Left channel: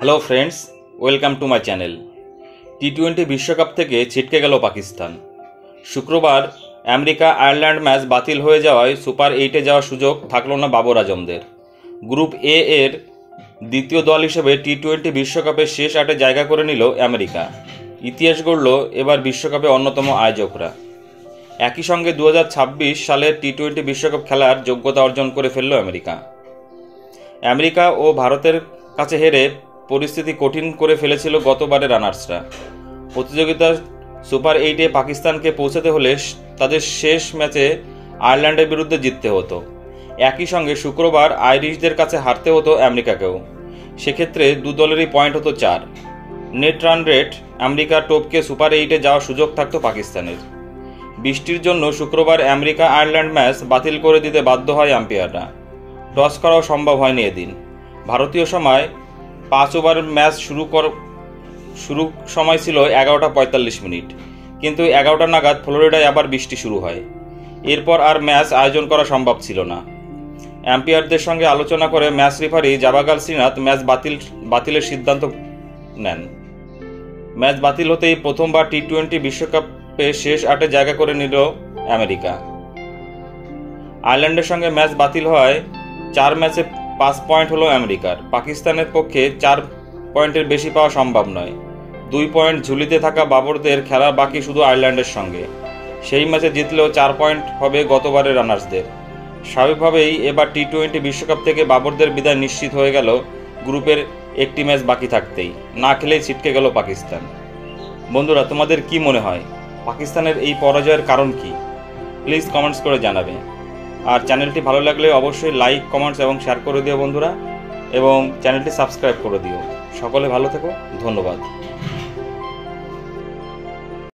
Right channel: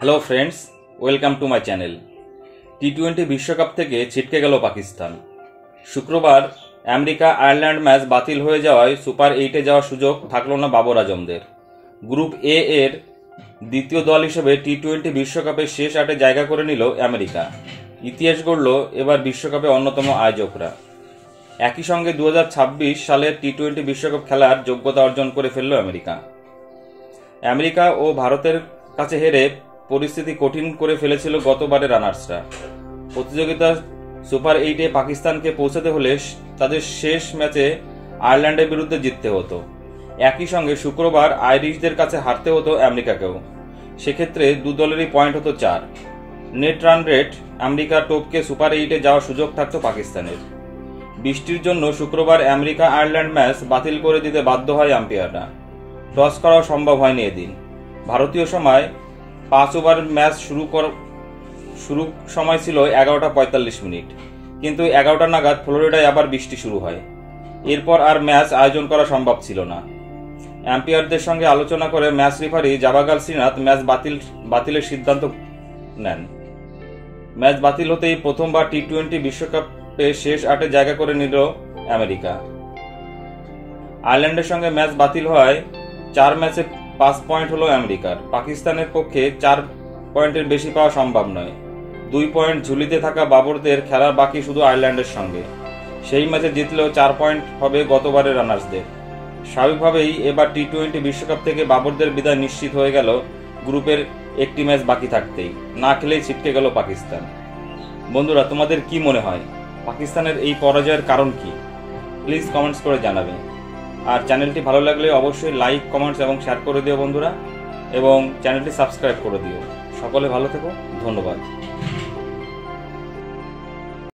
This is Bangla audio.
Hello friends, welcome to my channel. টি-20 বিশ্বকাপ থেকে ছিটকে গেল পাকিস্তান। শুক্রবার আমেরিকা আয়ারল্যান্ড ম্যাচ বাতিল হয়ে যাওয়ায় সুপার 8-এ যাওয়ার সুযোগ থাকল না বাবর আজমদের। গ্রুপ এ এর দ্বিতীয় দল হিসেবে টি-20 বিশ্বকাপের শেষ 8-এ জায়গা করে নিল আমেরিকা। ইতিহাস গড়ল এবার বিশ্বকাপে অন্যতম আয়োজকরা। একই সঙ্গে 2026 সালের টি-20 বিশ্বকাপ খেলার যোগ্যতা অর্জন করে ফেলল আমেরিকা। আমেরিকা ও ভারতের কাছে হেরে পরিস্থিতি কঠিন করে ফেলেছিল গতবারের রানার্সরা। প্রতিযোগিতার সুপার 8-এ পাকিস্তানকে পৌঁছাতে হলে তাদের শেষ ম্যাচে আয়ারল্যান্ডের বিরুদ্ধে জিততে হতো। একই সঙ্গে শুক্রবার আইরিশদের কাছে হারতে হতো আমেরিকাকেও। সেক্ষেত্রে দু দলেরই পয়েন্ট হতো 4। নেট রান রেট আমেরিকার টপকে সুপার 8-এ যাওয়ার সুযোগ থাকত পাকিস্তানের। বৃষ্টির জন্য শুক্রবার আমেরিকা আয়ারল্যান্ড ম্যাচ বাতিল করে দিতে বাধ্য হয় আম্পায়াররা। টস করাও সম্ভব হয়নি এদিন। ভারতীয় সময় 5 ওভার ম্যাচ শুরু সময় ছিল 11:45, কিন্তু 11টা নাগাদ ফ্লোরিডায় আবার বৃষ্টি শুরু হয়। এরপর আর ম্যাচ আয়োজন করা সম্ভব ছিল না। আম্পায়ারদের সঙ্গে আলোচনা করে ম্যাচ রেফারি জাবাগাল শ্রীনাথ ম্যাচ বাতিলের সিদ্ধান্ত নেন। ম্যাচ বাতিল হতেই প্রথমবার টি-20 বিশ্বকাপে শেষ 8-এ জায়গা করে নিল আমেরিকা। আয়ারল্যান্ডের সঙ্গে ম্যাচ বাতিল হওয়ায় 4 ম্যাচে 5 পয়েন্ট হলো আমেরিকার। পাকিস্তানের পক্ষে 4 পয়েন্টের বেশি পাওয়া সম্ভব নয়। 2 পয়েন্ট ঝুলিতে থাকা বাবরদের খেলা বাকি শুধু আয়ারল্যান্ডের সঙ্গে। সেই ম্যাচে জিতলেও 4 পয়েন্ট হবে গতবারের রানার্সদের। স্বাভাবিকভাবেই এবার টি-20 বিশ্বকাপ থেকে বাবরদের বিদায় নিশ্চিত হয়ে গেল গ্রুপের একটি ম্যাচ বাকি থাকতেই। না খেলেই ছিটকে গেল পাকিস্তান। বন্ধুরা, তোমাদের কি মনে হয় পাকিস্তানের এই পরাজয়ের কারণ কি? প্লিজ কমেন্টস করে জানাবে। আর চ্যানেলটি ভালো লাগলে অবশ্যই লাইক, কমেন্টস এবং শেয়ার করে দিও বন্ধুরা, এবং চ্যানেলটি সাবস্ক্রাইব করে দিও। সকলে ভালো থেকো, ধন্যবাদ।